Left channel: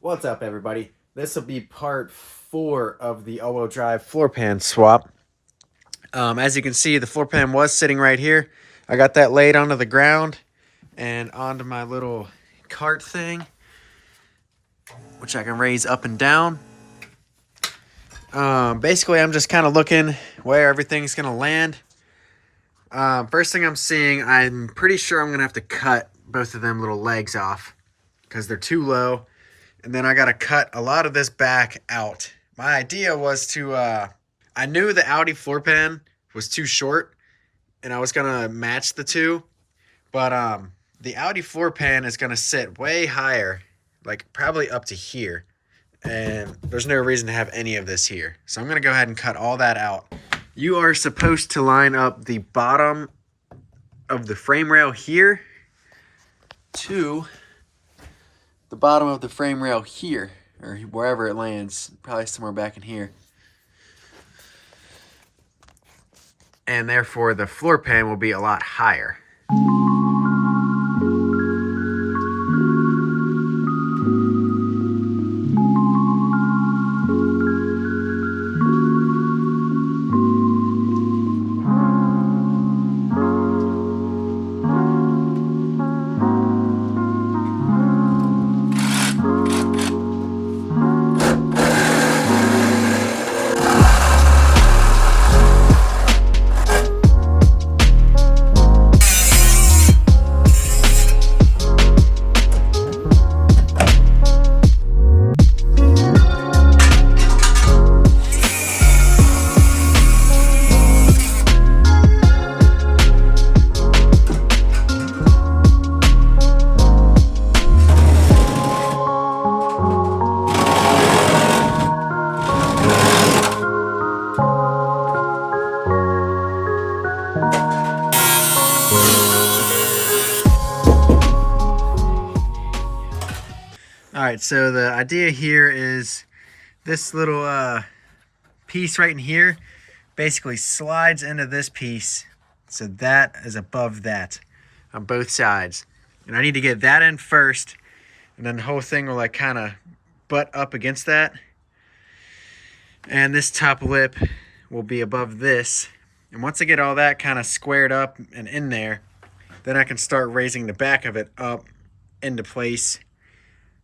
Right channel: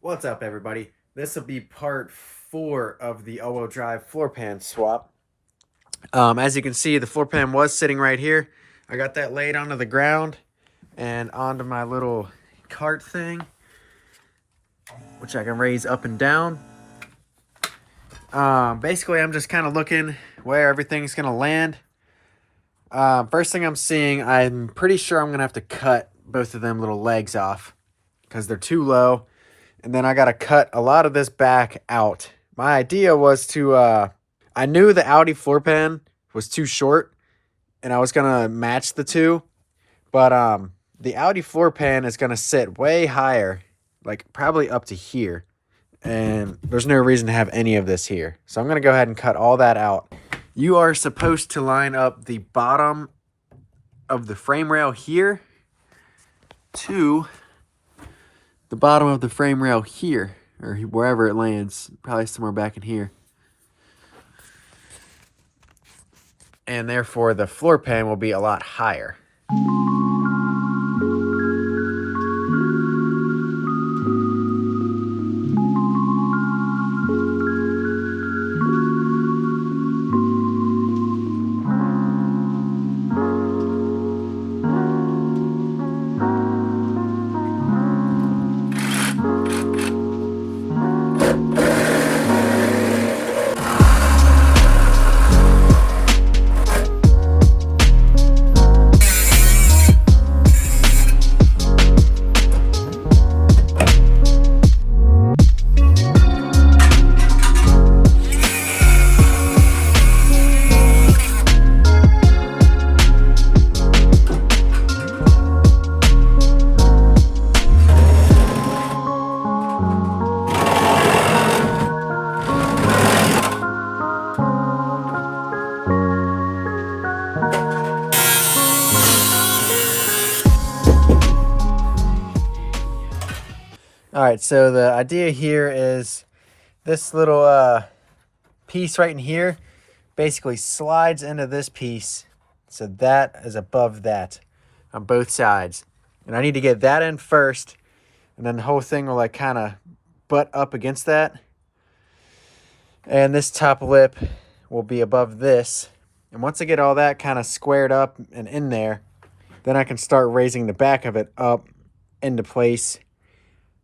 What's up, everybody? This will be part 4 of the all-wheel drive floor pan swap. As you can see, the floor pan was sitting right here. I got that laid onto the ground and onto my little cart thing, which I can raise up and down. Basically, I'm just kind of looking where everything's going to land. First thing I'm seeing, I'm pretty sure I'm going to have to cut both of them little legs off because they're too low. And then I got to cut a lot of this back out. My idea was to, I knew the Audi floor pan was too short and I was going to match the two. But the Audi floor pan is going to sit way higher, like probably up to here. And there's no reason to have any of this here. So I'm going to go ahead and cut all that out. You are supposed to line up the bottom of the frame rail here to the bottom of the frame rail here, or wherever it lands, probably somewhere back in here. And therefore the floor pan will be a lot higher. All right, so the idea here is this little piece right in here basically slides into this piece. So that is above that on both sides. And I need to get that in first, and then the whole thing will like kind of butt up against that. And this top lip will be above this. And once I get all that kind of squared up and in there, then I can start raising the back of it up into place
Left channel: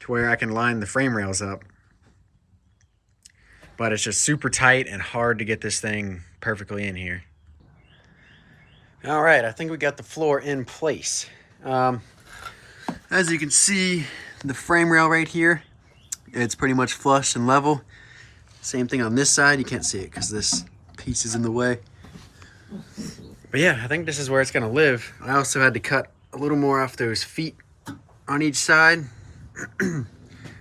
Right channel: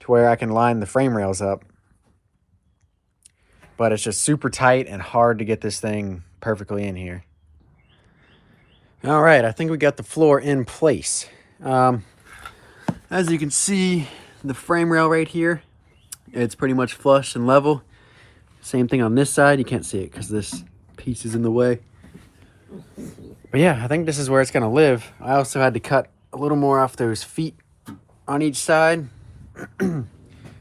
to where I can line the frame rails up. But it's just super tight and hard to get this thing perfectly in here. All right, I think we got the floor in place. As you can see, the frame rail right here, it's pretty much flush and level. Same thing on this side. You can't see it because this piece is in the way. But yeah, I think this is where it's gonna live. I also had to cut a little more off those feet on each side.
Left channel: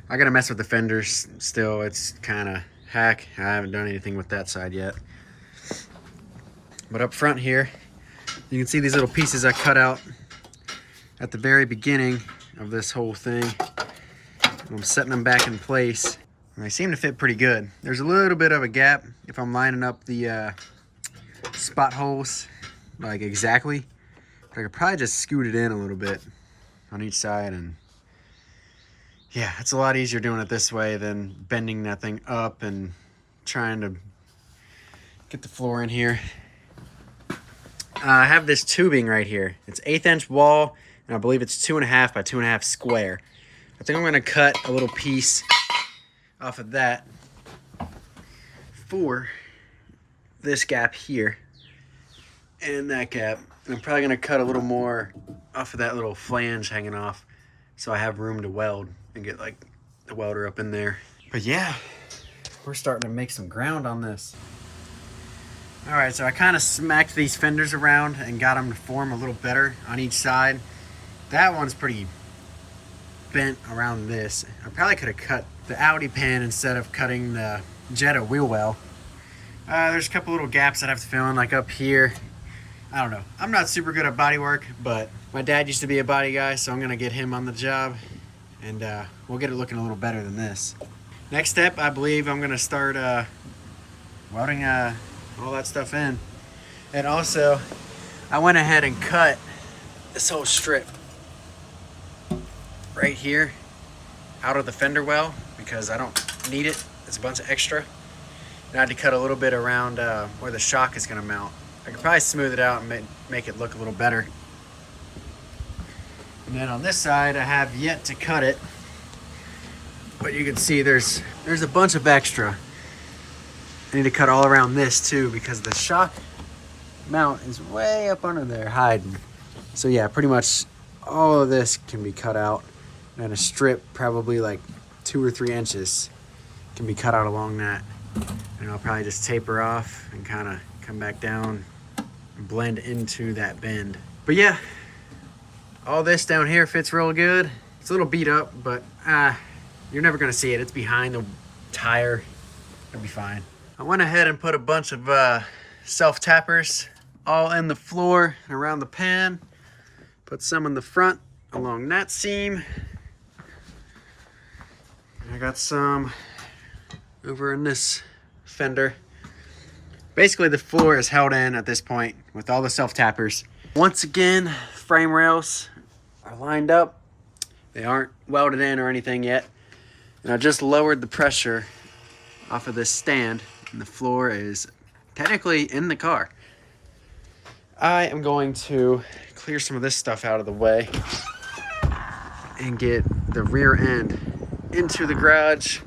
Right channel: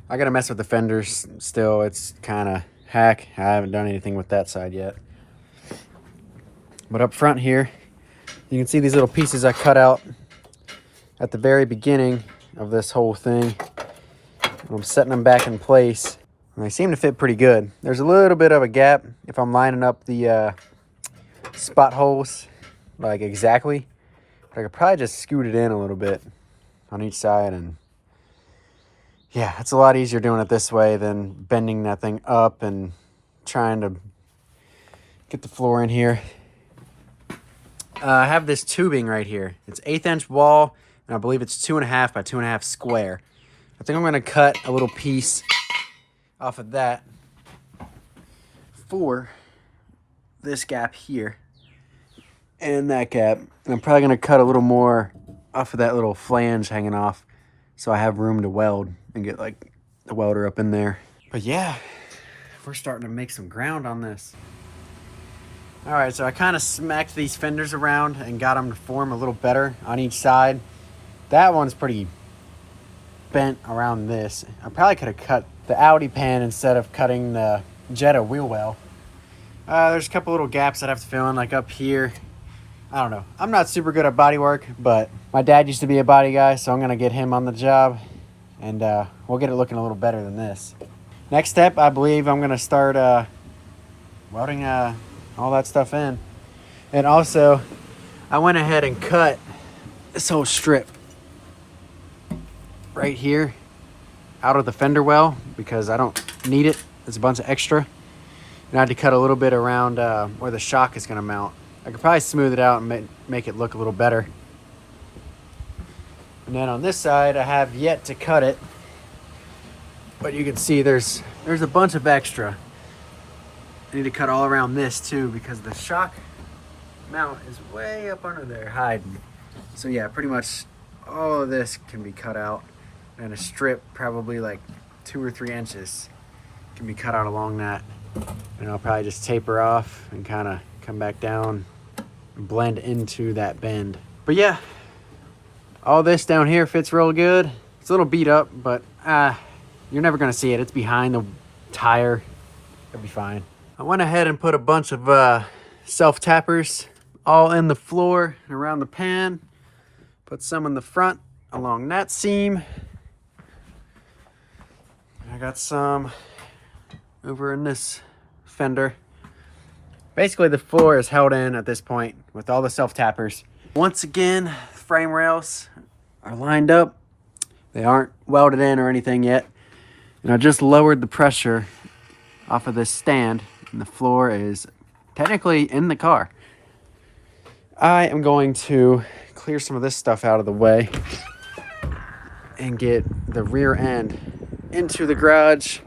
I gotta mess with the fenders still. It's kind of hack. I haven't done anything with that side yet. But up front here, you can see these little pieces I cut out at the very beginning of this whole thing. I'm setting them back in place, and they seem to fit pretty good. There's a little bit of a gap if I'm lining up the spot holes like exactly. But I could probably just scoot it in a little bit on each side, and yeah, it's a lot easier doing it this way than bending that thing up and trying to get the floor in here. I have this tubing right here. It's 1/8 inch wall, and I believe it's 2.5 by 2.5 square. I think I'm gonna cut a little piece off of that for this gap here and that gap. And I'm probably gonna cut a little more off of that little flange hanging off so I have room to weld and get like the welder up in there. But yeah, we're starting to make some ground on this. All right, so I kind of smacked these fenders around and got them to form a little better on each side. That one's pretty bent around this. I probably could have cut the Audi pan instead of cutting the Jetta wheel well. There's a couple little gaps that I have to fill in, like up here. I don't know. I'm not super good at body work, but my dad used to be a body guy, so I'm gonna get him on the job, and we'll get it looking a little better than this. Next step, I believe I'm gonna start welding all that stuff in. And also, I went ahead and cut this whole strip right here out of the fender well because I don't need it. It's a bunch of extra. And I had to cut a little bit around where the shock is gonna mount. I could probably smooth it out and make it look a little better. And then on this side, I have yet to cut it, but you can see there's a bunch of extra. I need to cut all around this too because the shock mount is way up under there hiding. So yeah, pretty much all of this can be cut out, and a strip probably like 2 or 3 inches can be cut out along that. And I'll probably just taper off and kind of come back down and blend into that bend. But yeah, all this down here fits real good. It's a little beat up, but you're never gonna see it. It's behind the tire. It'll be fine. I went ahead and put a bunch of self-tappers all in the floor and around the pan. Put some in the front along that seam. And I got some over in this fender. Basically the floor is held in at this point with all the self-tappers. Once again, frame rails are lined up. They aren't welded in or anything yet. And I just lowered the pressure off of this stand, and the floor is technically in the car. I am going to clear some of this stuff out of the way and get the rear end into the garage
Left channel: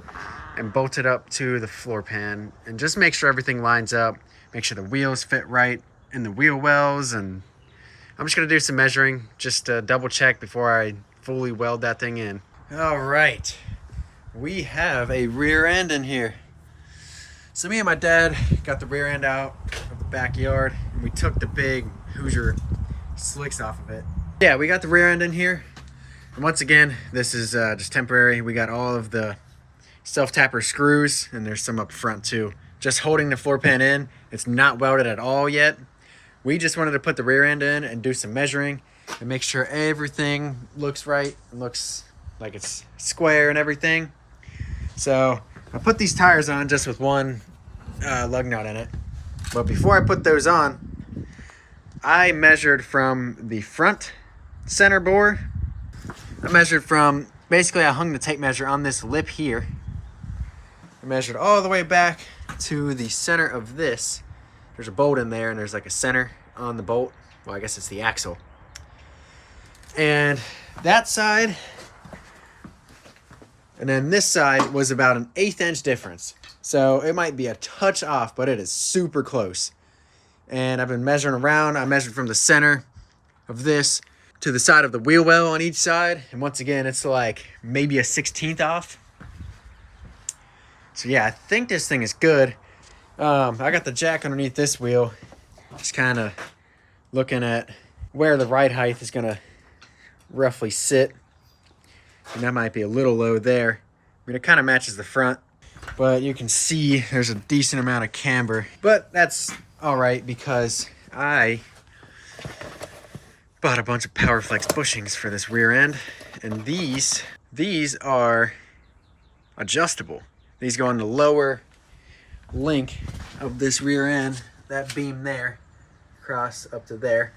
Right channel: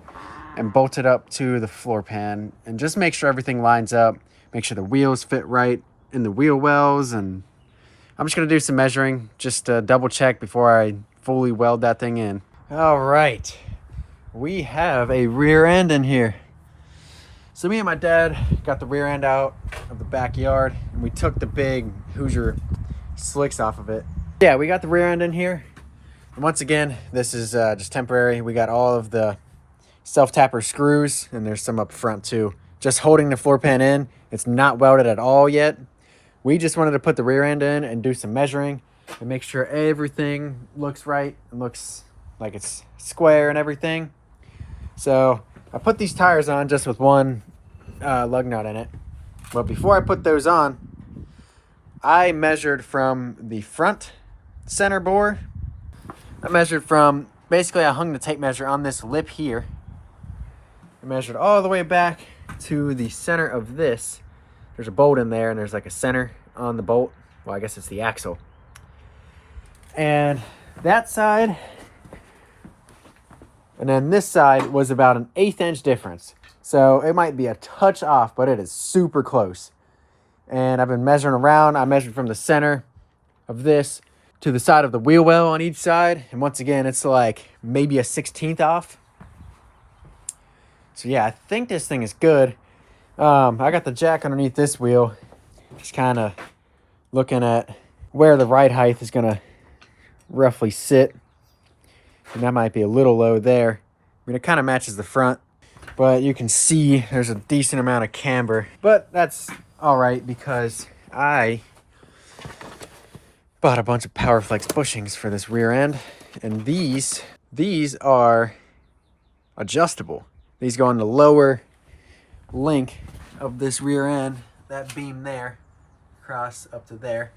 and bolt it up to the floor pan and just make sure everything lines up, make sure the wheels fit right in the wheel wells, and I'm just gonna do some measuring just to double check before I fully weld that thing in. All right, we have a rear end in here. So me and my dad got the rear end out of the backyard and we took the big Hoosier slicks off of it. Yeah, we got the rear end in here. And once again, this is just temporary. We got all of the self-tapper screws, and there's some up front too. Just holding the floor pan in. It's not welded at all yet. We just wanted to put the rear end in and do some measuring and make sure everything looks right and looks like it's square and everything. So I put these tires on just with one lug nut in it. But before I put those on, I measured from the front center bore. I measured from, basically I hung the tape measure on this lip here. I measured all the way back to the center of this. There's a bolt in there and there's like a center on the bolt. Well, I guess it's the axle. And that side, and then this side was about an 1/8 inch difference. So it might be a touch off, but it is super close. And I've been measuring around. I measured from the center of this to the side of the wheel well on each side. And once again, it's like maybe a 1/16 off. So yeah, I think this thing is good. I got the jack underneath this wheel. Just kind of looking at where the ride height is going to roughly sit. And that might be a little low there. I mean, it kind of matches the front. But you can see there's a decent amount of camber. But that's all right because I bought a bunch of PowerFlex bushings for this rear end. And these are adjustable. These go on the lower link of this rear end, that beam there, across up to there.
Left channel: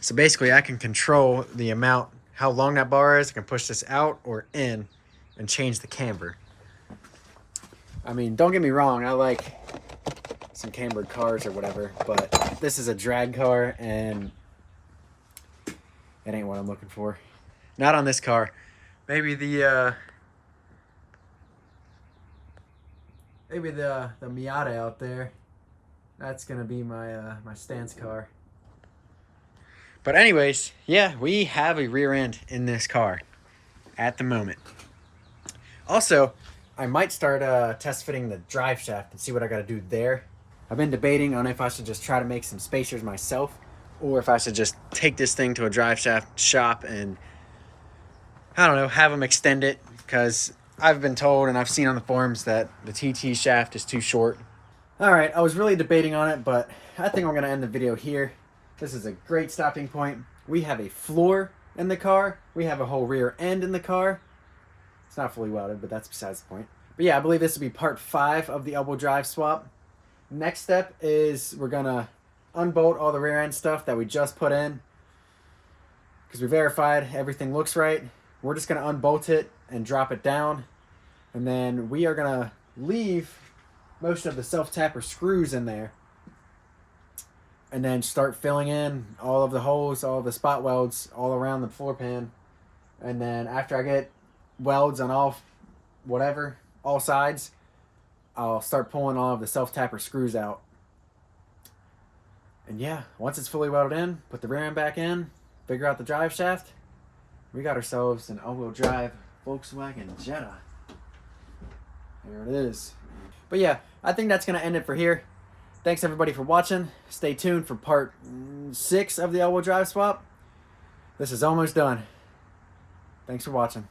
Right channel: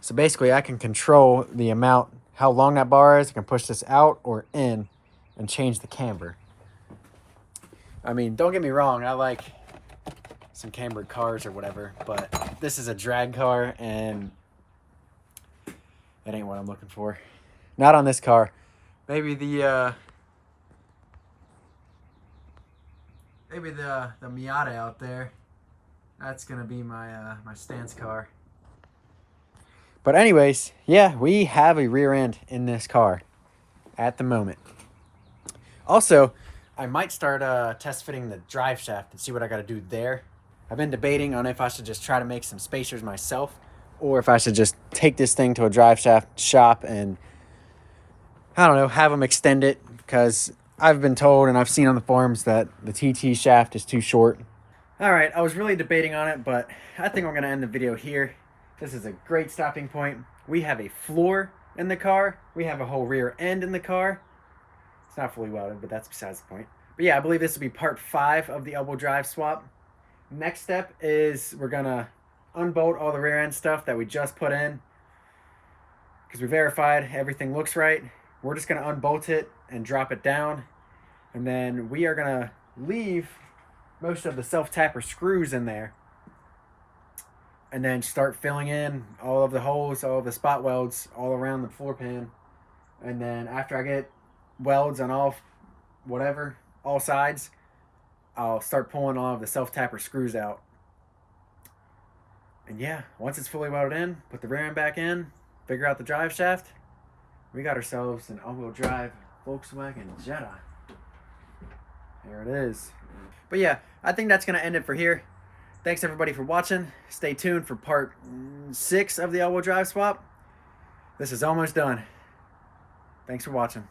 So basically I can control the amount, how long that bar is. I can push this out or in and change the camber. I mean, don't get me wrong, I like some cambered cars or whatever, but this is a drag car and it ain't what I'm looking for. Not on this car. Maybe the Miata out there. That's gonna be my my stance car. But anyways, yeah, we have a rear end in this car at the moment. Also, I might start test fitting the drive shaft and see what I gotta do there. I've been debating on if I should just try to make some spacers myself or if I should just take this thing to a drive shaft shop and, I don't know, have them extend it, because I've been told and I've seen on the forums that the TT shaft is too short. All right, I was really debating on it, but I think I'm gonna end the video here. This is a great stopping point. We have a floor in the car. We have a whole rear end in the car. It's not fully welded, but that's besides the point. But yeah, I believe this will be part 5 of the elbow drive swap. Next step is we're gonna unbolt all the rear end stuff that we just put in because we verified everything looks right. We're just gonna unbolt it and drop it down. And then we are gonna leave most of the self-tapper screws in there, and then start filling in all of the holes, all of the spot welds all around the floor pan. And then after I get welds on all sides, I'll start pulling all of the self-tapper screws out. And yeah, once it's fully welded in, put the rear end back in, figure out the drive shaft, we got ourselves an all-wheel drive Volkswagen Jetta. There it is. But yeah, I think that's going to end it for here. Thanks everybody for watching. Stay tuned for part 6 of the all-wheel drive swap. This is almost done. Thanks for watching.